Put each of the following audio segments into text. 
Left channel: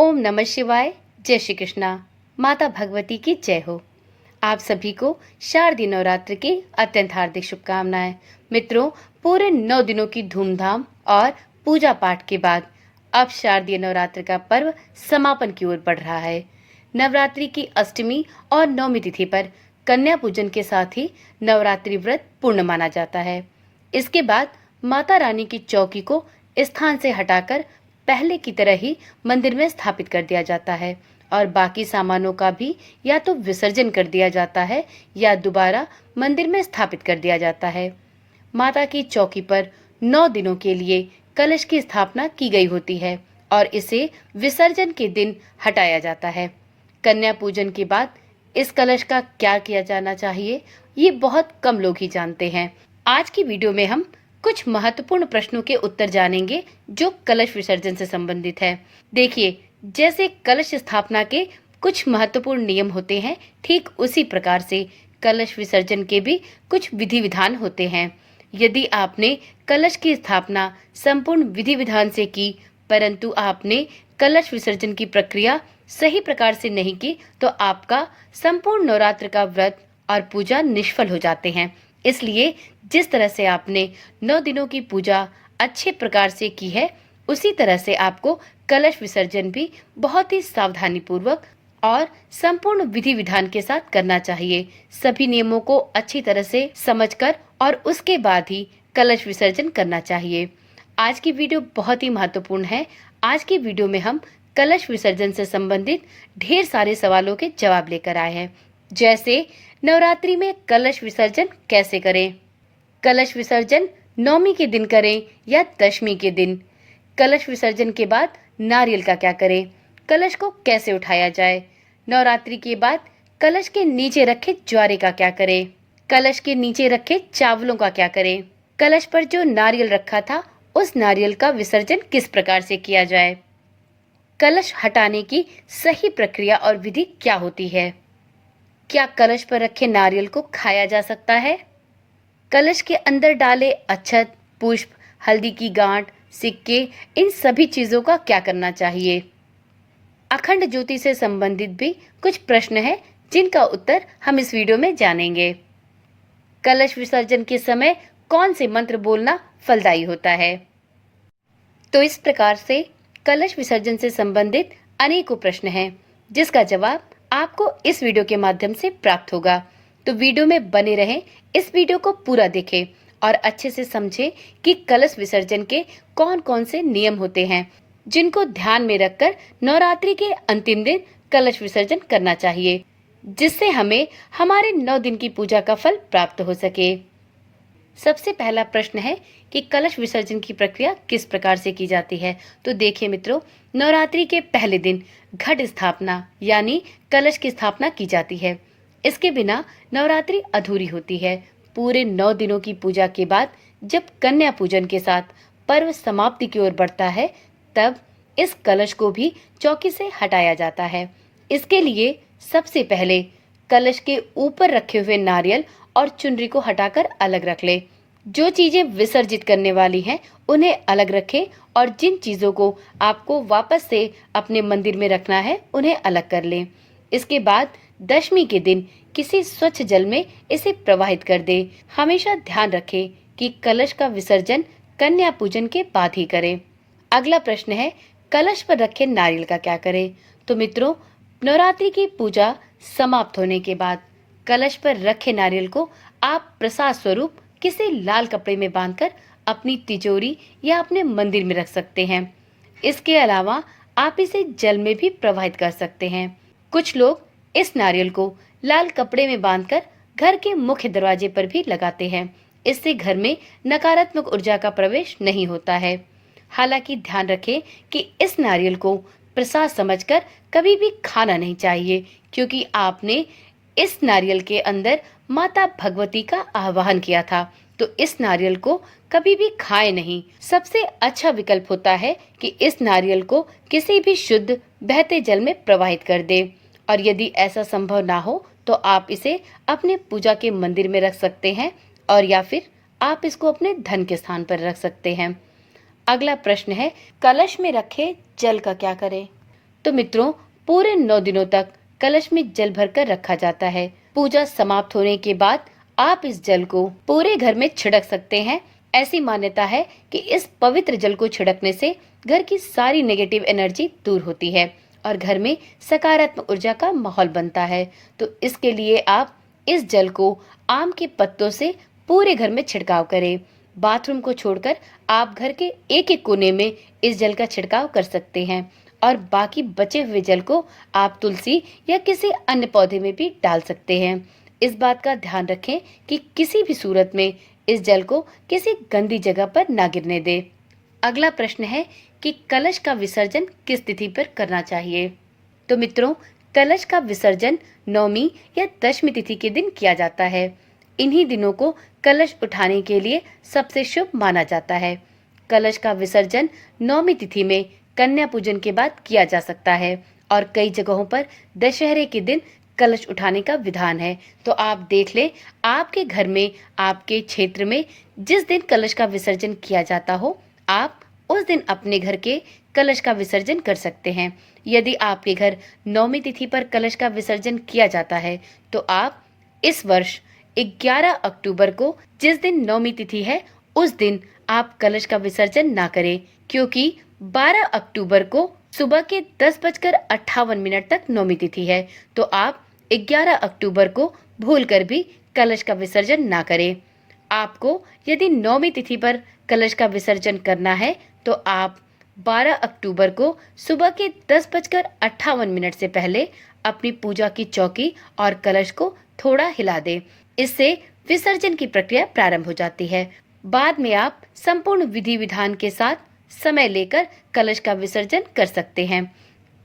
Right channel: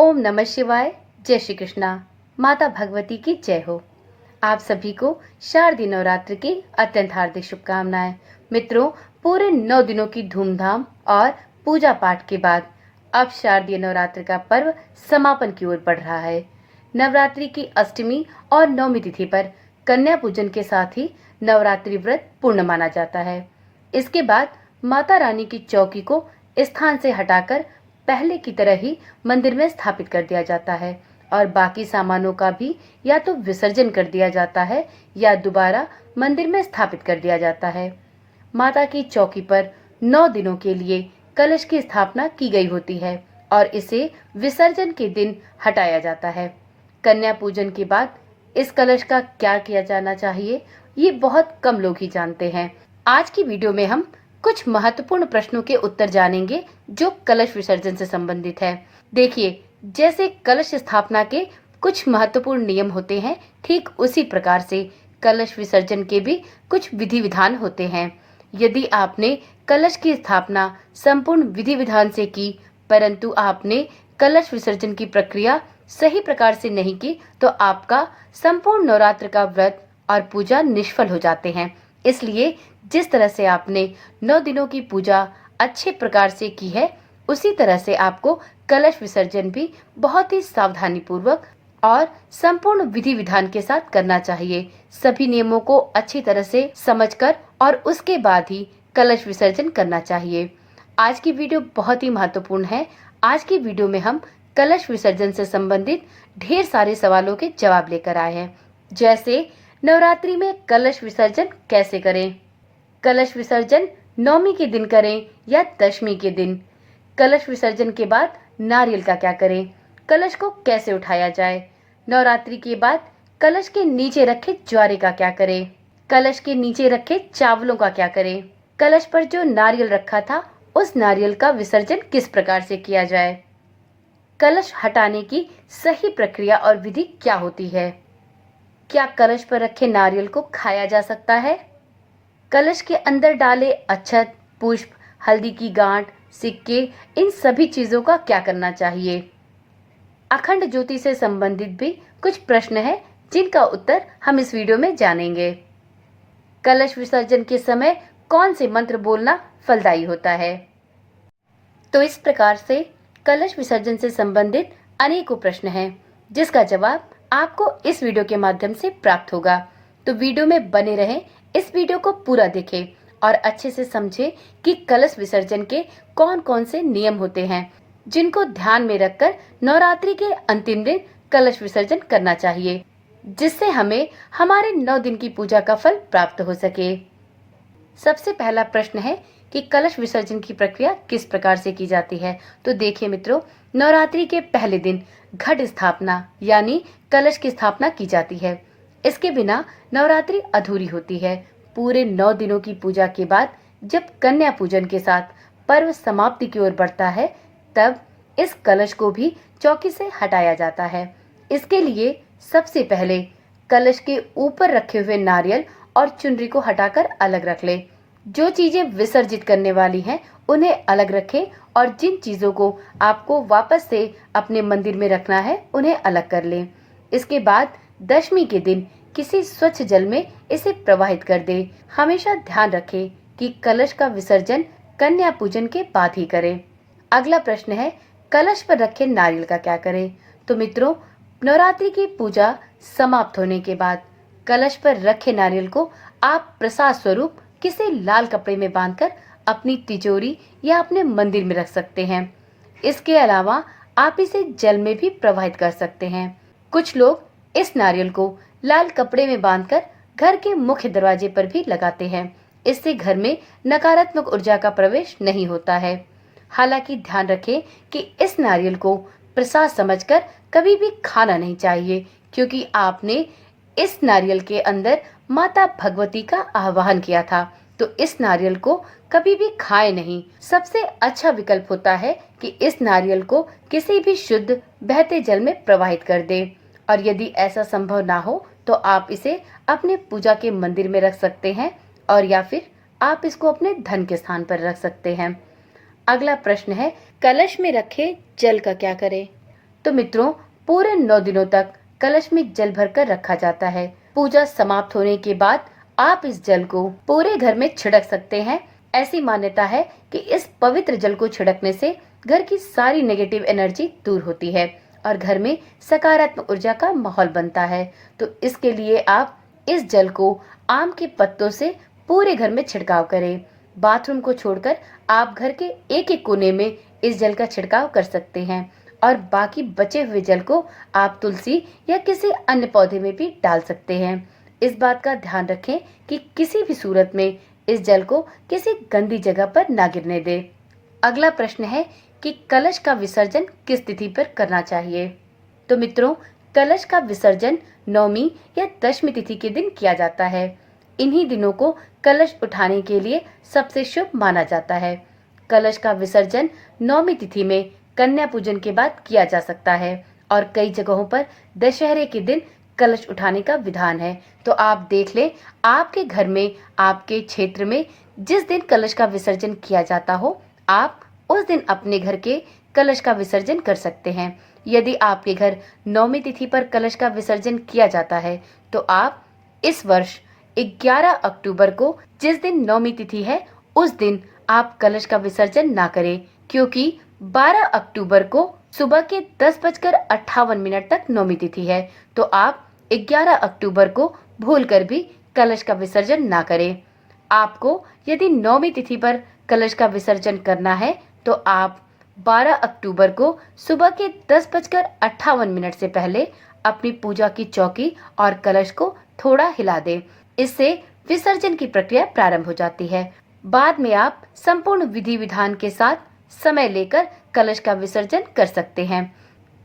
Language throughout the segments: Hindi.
ओम नमः शिवाय। जय श्री कृष्णा। माता भगवती की जय हो। आप सभी को शारदीय नवरात्र की अत्यंत हार्दिक शुभकामनाएं। मित्रों, पूरे 9 दिनों की धूमधाम और पूजा पाठ के बाद अब शारदीय नवरात्र का पर्व समापन की ओर बढ़ रहा है। नवरात्रि की अष्टमी और नवमी तिथि पर कन्या पूजन के साथ ही नवरात्रि व्रत पूर्ण माना जाता है। इसके बाद माता रानी की चौकी को स्थान से हटाकर पहले की तरह ही मंदिर में स्थापित कर दिया जाता है और बाकी सामानों का भी या तो विसर्जन कर दिया जाता है या दोबारा मंदिर में स्थापित कर दिया जाता है। माता की चौकी पर 9 दिनों के लिए कलश की स्थापना की गई होती है और इसे विसर्जन के दिन हटाया जाता है। कन्या पूजन के बाद इस कलश का क्या किया जाना चाहिए, ये बहुत कम लोग ही जानते हैं। आज की वीडियो में हम कुछ महत्वपूर्ण प्रश्नों के उत्तर जानेंगे जो कलश विसर्जन से संबंधित है। देखिए, जैसे कलश स्थापना के कुछ महत्वपूर्ण नियम होते हैं, ठीक उसी प्रकार से कलश विसर्जन के भी कुछ विधि विधान होते हैं। यदि आपने कलश की स्थापना संपूर्ण विधि विधान से की, परंतु आपने कलश विसर्जन की प्रक्रिया सही प्रकार से नहीं की, तो आपका संपूर्ण नवरात्र का व्रत और पूजा निष्फल हो जाते हैं। इसलिए जिस तरह से आपने 9 दिनों की पूजा अच्छे प्रकार से की है, उसी तरह से आपको कलश विसर्जन भी बहुत ही सावधानी पूर्वक और संपूर्ण विधि विधान के साथ करना चाहिए। सभी नियमों को अच्छी तरह से समझकर और उसके बाद ही कलश विसर्जन करना चाहिए। आज की वीडियो बहुत ही महत्वपूर्ण है। आज की वीडियो में हम कलश विसर्जन से संबंधित ढेर सारे सवालों के जवाब लेकर आए हैं। जैसे नवरात्रि में कलश विसर्जन कैसे करें, कलश विसर्जन नवमी के दिन करें या दशमी के दिन, कलश विसर्जन के बाद नारियल का क्या करें, कलश को कैसे उठाया जाए, नवरात्रि के बाद कलश के नीचे रखे ज्वारे का क्या करें, कलश के नीचे रखे चावलों का क्या करें, कलश पर जो नारियल रखा था उस नारियल का विसर्जन किस प्रकार से किया जाए, कलश हटाने की सही प्रक्रिया और विधि क्या होती है, क्या कलश पर रखे नारियल को खाया जा सकता है, कलश के अंदर डाले अक्षत, पुष्प, हल्दी की गांठ, सिक्के, इन सभी चीजों का क्या करना चाहिए। अखंड ज्योति से संबंधित भी कुछ प्रश्न हैं जिनका उत्तर हम इस वीडियो में जानेंगे। कलश विसर्जन के समय कौन से मंत्र बोलना फलदायी होता है। तो इस प्रकार से कलश विसर्जन से संबंधित अनेकों प्रश्न हैं जिसका जवाब आपको इस वीडियो के माध्यम से प्राप्त होगा। तो वीडियो में बने रहें, इस वीडियो को पूरा देखें और अच्छे से समझें कि कलश विसर्जन के कौन कौन से नियम होते हैं जिनको ध्यान में रखकर नवरात्रि के अंतिम दिन कलश विसर्जन करना चाहिए, जिससे हमें हमारे 9 दिन की पूजा का फल प्राप्त हो सके। सबसे पहला प्रश्न है कि कलश विसर्जन की प्रक्रिया किस प्रकार से की जाती है। तो देखिए मित्रों, नवरात्रि के पहले दिन घट स्थापना यानी कलश की स्थापना की जाती है। इसके बिना नवरात्रि अधूरी होती है। पूरे 9 दिनों की पूजा के बाद जब कन्या पूजन के साथ पर्व समाप्ति की ओर बढ़ता है, तब इस कलश को भी चौकी से हटाया जाता है। इसके लिए सबसे पहले कलश के ऊपर रखे हुए नारियल और चुनरी को हटाकर अलग रख ले। जो चीजें विसर्जित करने वाली हैं उन्हें अलग रखें और जिन चीजों को आपको वापस से अपने मंदिर में रखना है उन्हें अलग कर लें। इसके बाद दशमी के दिन किसी स्वच्छ जल में इसे प्रवाहित कर दे। हमेशा ध्यान रखें कि कलश का विसर्जन कन्या पूजन के बाद ही करें। अगला प्रश्न है, कलश पर रखे नारियल का क्या करें। तो मित्रों, नवरात्रि की पूजा समाप्त होने के बाद कलश पर रखे नारियल को आप प्रसाद स्वरूप किसी लाल कपड़े में बांधकर अपनी तिजोरी या अपने मंदिर में रख सकते हैं। इसके अलावा आप इसे जल में भी प्रवाहित कर सकते हैं। कुछ लोग इस नारियल को लाल कपड़े में बांधकर घर के मुख्य दरवाजे पर भी लगाते हैं। इससे घर में नकारात्मक ऊर्जा का प्रवेश नहीं होता है। हालांकि ध्यान रखें कि इस नारियल को प्रसाद समझकर कभी भी खाना नहीं चाहिए, क्योंकि आपने इस नारियल के अंदर माता भगवती का आवाहन किया था, तो इस नारियल को कभी भी खाए नहीं। सबसे अच्छा विकल्प होता है कि इस नारियल को किसी भी शुद्ध बहते जल में प्रवाहित कर दे, और यदि ऐसा संभव ना हो तो आप इसे अपने पूजा के मंदिर में रख सकते हैं और या फिर आप इसको अपने धन के स्थान पर रख सकते हैं। अगला प्रश्न है, कलश में रखे जल का क्या करें। तो मित्रों, पूरे 9 दिनों तक कलश में जल भरकर रखा जाता है। पूजा समाप्त होने के बाद आप इस जल को पूरे घर में छिड़क सकते हैं। ऐसी मान्यता है कि इस पवित्र जल को छिड़कने से घर की सारी नेगेटिव एनर्जी दूर होती है और घर में सकारात्मक ऊर्जा का माहौल बनता है। तो इसके लिए आप इस जल को आम के पत्तों से पूरे घर में छिड़काव करें। बाथरूम को छोड़कर आप घर के एक एक कोने में इस जल का छिड़काव कर सकते हैं और बाकी बचे हुए जल को आप तुलसी या किसी अन्य पौधे में भी डाल सकते हैं। इस बात का ध्यान रखें कि किसी भी सूरत में इस जल को किसी गंदी जगह पर ना गिरने दें। अगला प्रश्न है कि कलश का विसर्जन किस तिथि पर करना चाहिए। तो मित्रों, कलश का विसर्जन नौमी या दशमी तिथि के दिन किया जाता है। इन्हीं दिनों को कलश उठाने के लिए सबसे शुभ माना जाता है। कलश का विसर्जन नौमी तिथि में कन्या पूजन के बाद किया जा सकता है और कई जगहों पर दशहरे के दिन कलश उठाने का विधान है। तो आप देख लें, आपके घर में, आपके क्षेत्र में जिस दिन कलश का विसर्जन किया जाता हो, आप उस दिन अपने घर के कलश का विसर्जन कर सकते हैं। यदि आपके घर नौमी तिथि पर कलश का विसर्जन किया जाता है तो आप इस वर्ष 11 अक्टूबर को, जिस दिन नौमी तिथि है, उस दिन आप कलश का विसर्जन ना करें, क्योंकि 12 अक्टूबर को सुबह के 10:58 तक नौमी तिथि है। तो आप 11 अक्टूबर को भूलकर भी कलश का विसर्जन ना करें। आपको यदि नौमी तिथि पर कलश का विसर्जन करना है तो आप 12 अक्टूबर को सुबह के 10:58 से पहले अपनी पूजा की चौकी और कलश को थोड़ा हिला दें। इससे विसर्जन की प्रक्रिया प्रारंभ हो जाती है। बाद में आप संपूर्ण विधि विधान के साथ समय लेकर कलश का विसर्जन कर सकते हैं।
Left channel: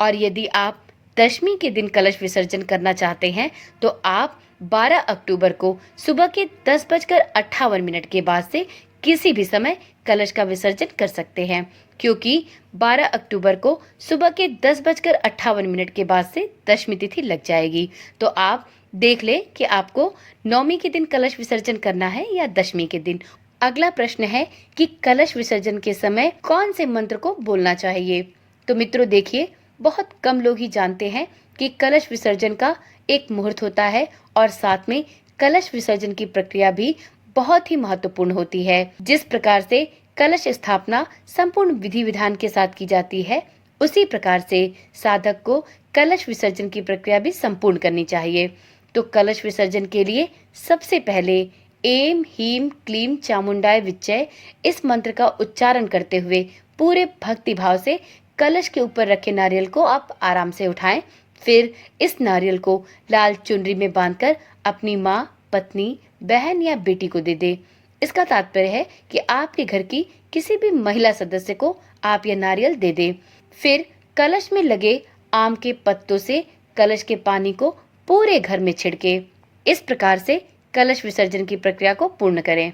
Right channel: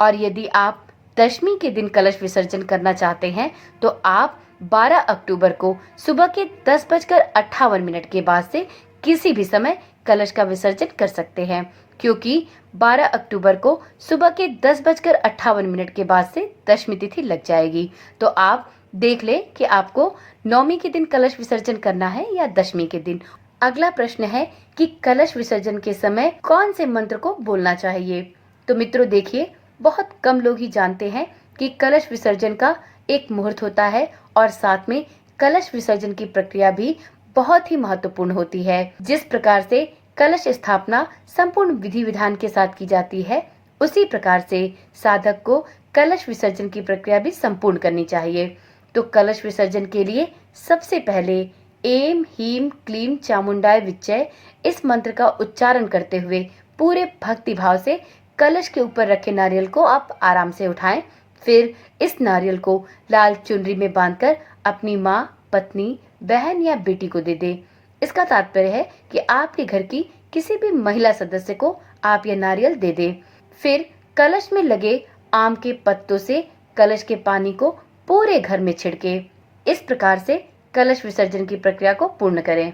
और यदि आप दशमी के दिन कलश विसर्जन करना चाहते हैं तो आप 12 अक्टूबर को सुबह के 10:58 के बाद से किसी भी समय कलश का विसर्जन कर सकते हैं, क्योंकि 12 अक्टूबर को सुबह के 10:58 के बाद से दशमी तिथि लग जाएगी। तो आप देख ले कि आपको नौमी के दिन कलश विसर्जन करना है या दशमी के दिन। अगला प्रश्न है कि कलश विसर्जन के समय कौन से मंत्र को बोलना चाहिए। तो मित्रों देखिए, बहुत कम लोग ही जानते हैं कि कलश विसर्जन का एक मुहूर्त होता है और साथ में कलश विसर्जन की प्रक्रिया भी बहुत ही महत्वपूर्ण होती है। जिस प्रकार से कलश स्थापना संपूर्ण विधि विधान के साथ की जाती है, उसी प्रकार से साधक को कलश विसर्जन की प्रक्रिया भी संपूर्ण करनी चाहिए। तो कलश विसर्जन के लिए सबसे पहले एम हीम क्लीम चामुंडाय विच्चय इस मंत्र का उच्चारण करते हुए पूरे भक्ति भाव से कलश के ऊपर रखे नारियल को आप आराम से उठाएं। फिर इस नारियल को लाल चुनरी में बांधकर अपनी माँ, पत्नी, बहन या बेटी को दे दे। इसका तात्पर्य है कि आपके घर की किसी भी महिला सदस्य को आप यह नारियल दे दे। फिर कलश में लगे आम के पत्तों से कलश के पानी को पूरे घर में छिड़के। इस प्रकार से कलश विसर्जन की प्रक्रिया को पूर्ण करें।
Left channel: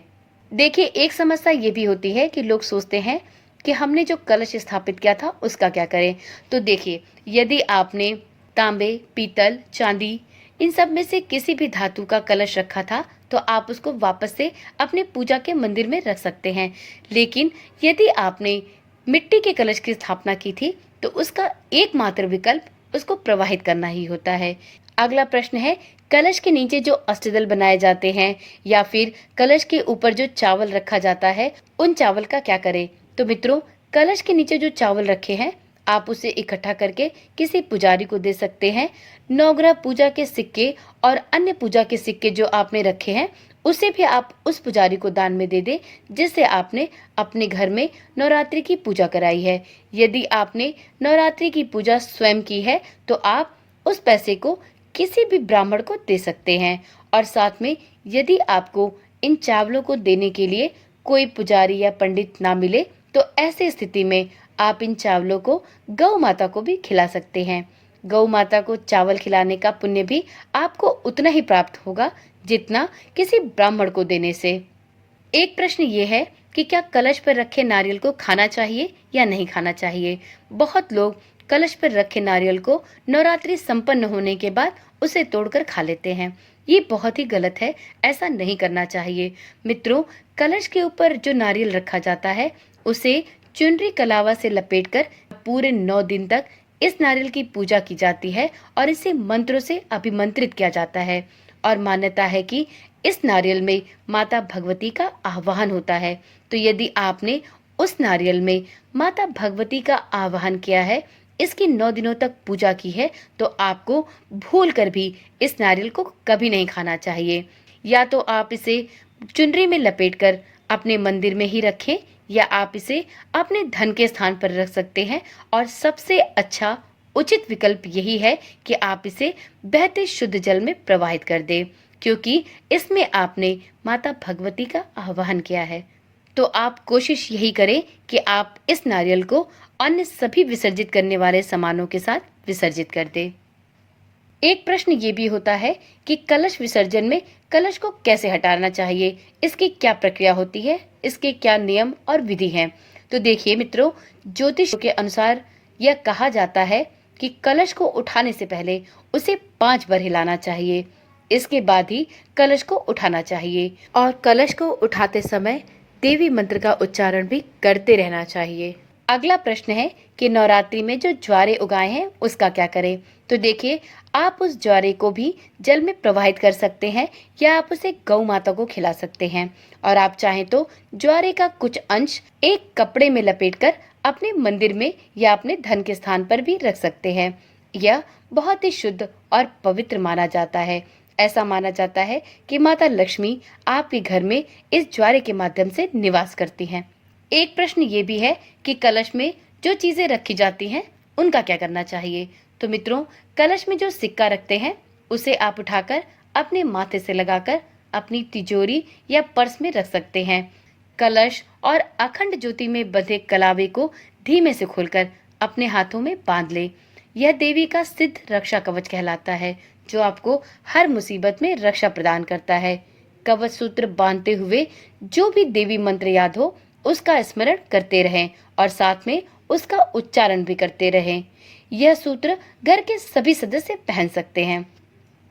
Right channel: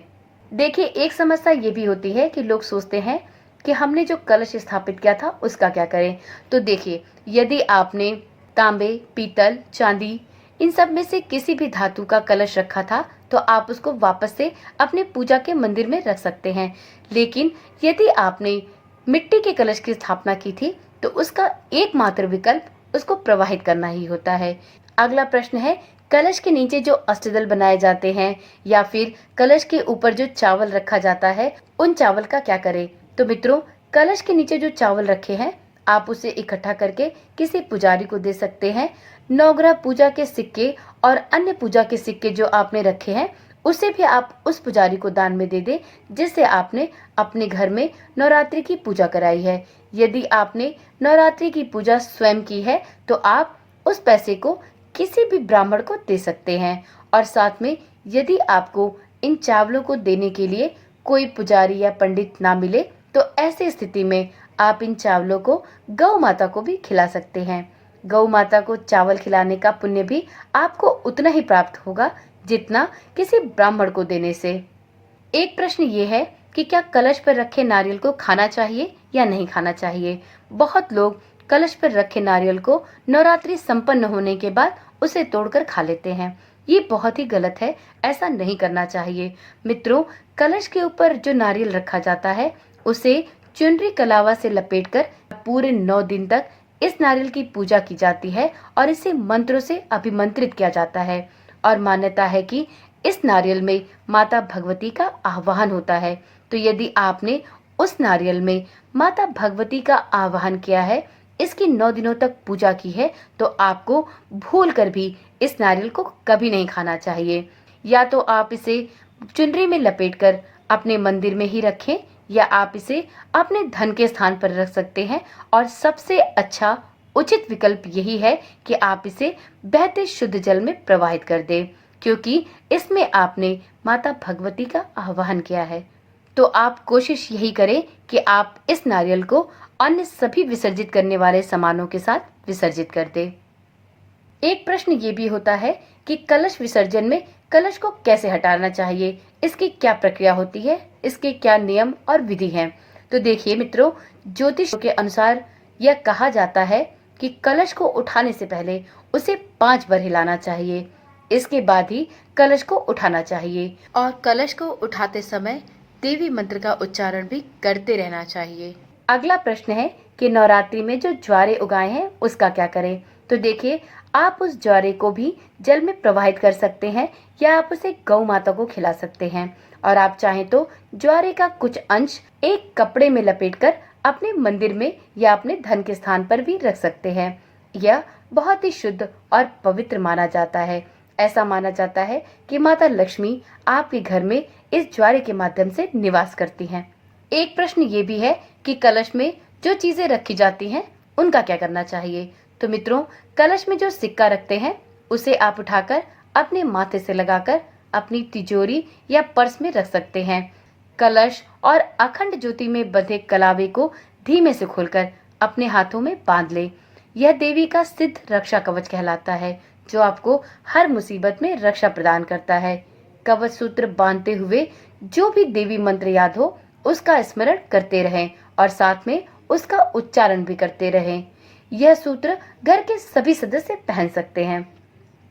देखिए, एक समस्या ये भी होती है कि लोग सोचते हैं कि हमने जो कलश स्थापित किया था उसका क्या करें। तो देखिए, यदि आपने तांबे, पीतल, चांदी इन सब में से किसी भी धातु का कलश रखा था तो आप उसको वापस से अपने पूजा के मंदिर में रख सकते हैं। लेकिन यदि आपने मिट्टी के कलश की स्थापना की थी तो उसका एकमात्र विकल्प उसको प्रवाहित करना ही होता है। अगला प्रश्न है, कलश के नीचे जो अष्टदल बनाए जाते हैं या फिर कलश के ऊपर जो चावल रखा जाता है, उन चावल का क्या करें। तो मित्रों, कलश के नीचे जो चावल रखे हैं आप उसे इकट्ठा करके किसी पुजारी को दे सकते हैं। नवग्रह पूजा के सिक्के और अन्य पूजा के सिक्के जो आपने रखे हैं उसे भी आप उस पुजारी को दान में दे दें जिससे आपने अपने घर में नवरात्रि की पूजा कराई है। यदि आपने नवरात्रि की पूजा स्वयं की है तो आप उस पैसे को किसी भी ब्राह्मण को दे सकते हैं। और साथ में यदि आपको इन चावलों को देने के लिए कोई पुजारी या पंडित ना मिले तो ऐसी स्थिति में आप इन चावलों को गौ माता को भी खिला सकते हैं। गौ माता को चावल खिलाने का पुण्य भी आपको उतना ही प्राप्त होगा जितना किसी ब्राह्मण को देने से। एक प्रश्न ये है कि क्या कलश पर रखे नारियल को खाना चाहिए या नहीं खाना चाहिए। बहुत लोग कलश पर रखे नारियल को नवरात्रि संपन्न होने के बाद उसे तोड़कर खा लेते हैं। ये बहुत ही गलत है, ऐसा नहीं करना चाहिए। मित्रों, कलश के ऊपर जो नारियल रखा जाता है उसे चुनरी कलावा से लपेटकर पूरे 9 दिन तक इस नारियल की पूजा की जाती है और इसे मंत्रों से अभिमंत्रित किया जाता है और मान्यता है कि इस नारियल में माता भगवती का आवाहन होता है। तो यदि आपने उस नारियल में माता भगवती का आवाहन किया है, इसकी 9 दिनों तक पूजा की है, तो आपको भूल कर भी इस नारियल को कभी नहीं खाना चाहिए। या तो आप इसे चुनरी में लपेटकर अपने मंदिर में ही रखें, या आप इसे अपने धन के स्थान पर रख सकते हैं। और सबसे अच्छा उचित विकल्प यही है कि आप इसे बहते शुद्ध जल में प्रवाहित कर दें, क्योंकि इसमें आपने माता भगवती का आह्वान किया है। तो आप कोशिश यही करें कि आप इस नारियल को अन्य सभी विसर्जित करने वाले सामानों के साथ विसर्जित कर दें। एक प्रश्न ये भी होता है कि कलश विसर्जन में कलश को कैसे हटाना चाहिए, इसकी क्या प्रक्रिया होती है, इसके क्या नियम और विधि हैं। तो देखिए मित्रों, ज्योतिष के अनुसार यह कहा जाता है कि कलश को उठाने से पहले उसे 5 बार हिलाना चाहिए, इसके बाद ही कलश को उठाना चाहिए और कलश को उठाते समय देवी मंत्र का उच्चारण भी करते रहना चाहिए। अगला प्रश्न है कि नवरात्रि में जो ज्वारे उगाए हैं उसका क्या करें। तो देखिए, आप उस ज्वारे को भी जल में प्रवाहित कर सकते हैं या आप उसे गौ माता को खिला सकते हैं। और आप चाहें तो ज्वारे का कुछ अंश एक कपड़े में लपेटकर अपने मंदिर में या अपने धन के स्थान पर भी रख सकते हैं। यह बहुत ही शुद्ध और पवित्र माना जाता है। ऐसा माना जाता है कि माता लक्ष्मी आपके घर में इस ज्वारे के माध्यम से निवास करती हैं। एक प्रश्न ये भी है कि कलश में जो चीजें रखी जाती हैं उनका क्या करना चाहिए। तो मित्रों, कलश में जो सिक्का रखते हैं उसे आप उठाकर अपने माथे से लगाकर अपनी तिजोरी या पर्स में रख सकते हैं। कलश और अखंड ज्योति में बंधे कलावे को धीमे से खोलकर अपने हाथों में बांध ले। यह देवी का सिद्ध रक्षा कवच कहलाता है, जो आपको हर मुसीबत में रक्षा प्रदान करता है। कवच सूत्र बांधते हुए जो भी देवी मंत्र याद हो उसका स्मरण करते रहें और साथ में उसका उच्चारण भी करते रहें। यह सूत्र घर के सभी सदस्य पहन सकते हैं।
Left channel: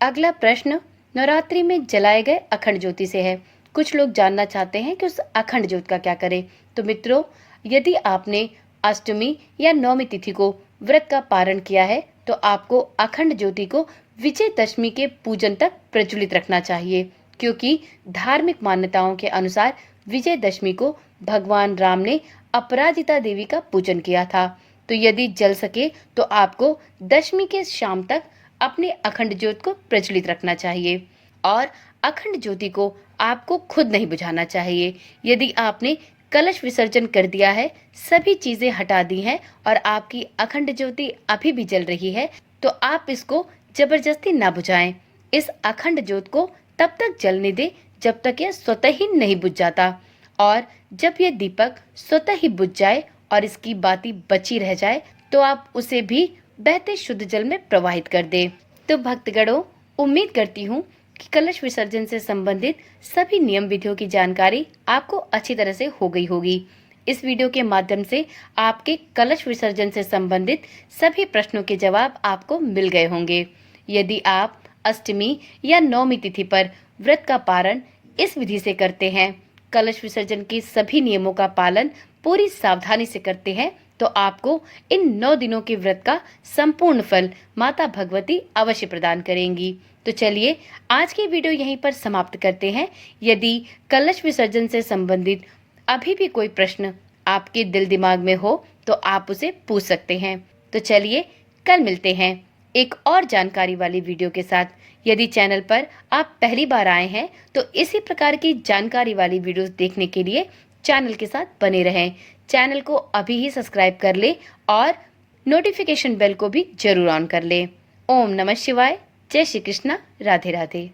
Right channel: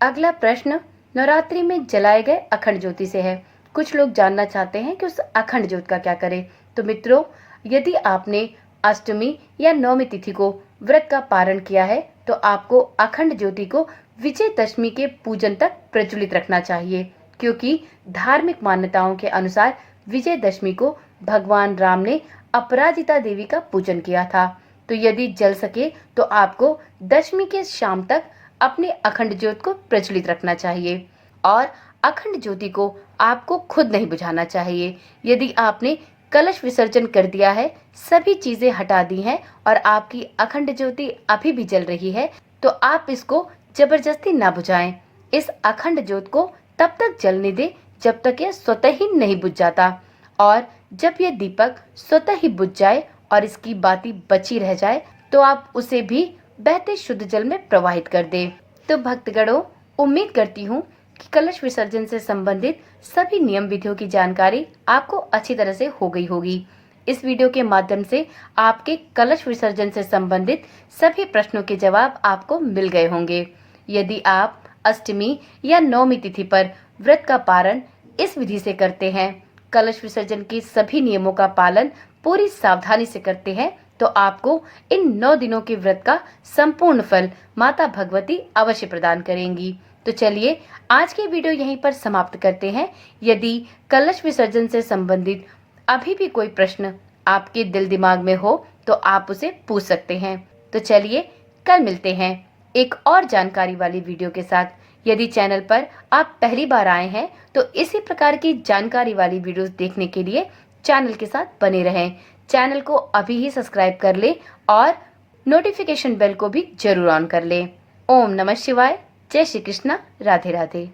अगला प्रश्न नवरात्रि में जलाए गए अखंड ज्योति से है। कुछ लोग जानना चाहते हैं कि उस अखंड ज्योत का क्या करें। तो मित्रों, यदि आपने अष्टमी या नवमी तिथि को व्रत का पारण किया है तो आपको अखंड ज्योति को विजयदशमी के पूजन तक प्रज्वलित रखना चाहिए, क्योंकि धार्मिक मान्यताओं के अनुसार विजयदशमी को भगवान राम ने अपराजिता देवी का पूजन किया था। तो यदि जल सके तो आपको दशमी के शाम तक अपने अखंड ज्योत को प्रज्वलित रखना चाहिए और अखंड ज्योति को आपको खुद नहीं बुझाना चाहिए। यदि आपने कलश विसर्जन कर दिया है, सभी चीजें हटा दी हैं और आपकी अखंड ज्योति अभी भी जल रही है, तो आप इसको जबरदस्ती ना बुझाएं। इस अखंड ज्योत को तब तक जलने दें जब तक यह स्वतः ही नहीं बुझ जाता, और जब यह दीपक स्वतः ही बुझ जाए और इसकी बाती बची रह जाए तो आप उसे भी बहते शुद्ध जल में प्रवाहित कर दें। तो भक्तगणों, उम्मीद करती हूँ कि कलश विसर्जन से संबंधित सभी नियम विधियों की जानकारी आपको अच्छी तरह से हो गई होगी। इस वीडियो के माध्यम से आपके कलश विसर्जन से संबंधित सभी प्रश्नों के जवाब आपको मिल गए होंगे। यदि आप अष्टमी या नवमी तिथि पर व्रत का पारण इस विधि से करते हैं, कलश विसर्जन के सभी नियमों का पालन पूरी सावधानी से करते हैं, तो आपको इन 9 दिनों के व्रत का संपूर्ण फल माता भगवती अवश्य प्रदान करेंगी। तो चलिए आज की वीडियो यहीं पर समाप्त करते हैं। यदि कलश विसर्जन से संबंधित अभी भी कोई प्रश्न आपके दिल दिमाग में हो तो आप उसे पूछ सकते हैं। तो चलिए कल मिलते हैं एक और जानकारी वाली वीडियो के साथ। यदि चैनल पर आप पहली बार आए हैं तो इसी प्रकार की जानकारी वाली वीडियोस देखने के लिए चैनल के साथ बने रहें। चैनल को अभी ही सब्सक्राइब कर ले और नोटिफिकेशन बेल को भी जरूर ऑन कर ले। ओम नमः शिवाय। जय श्री कृष्णा। राधे राधे।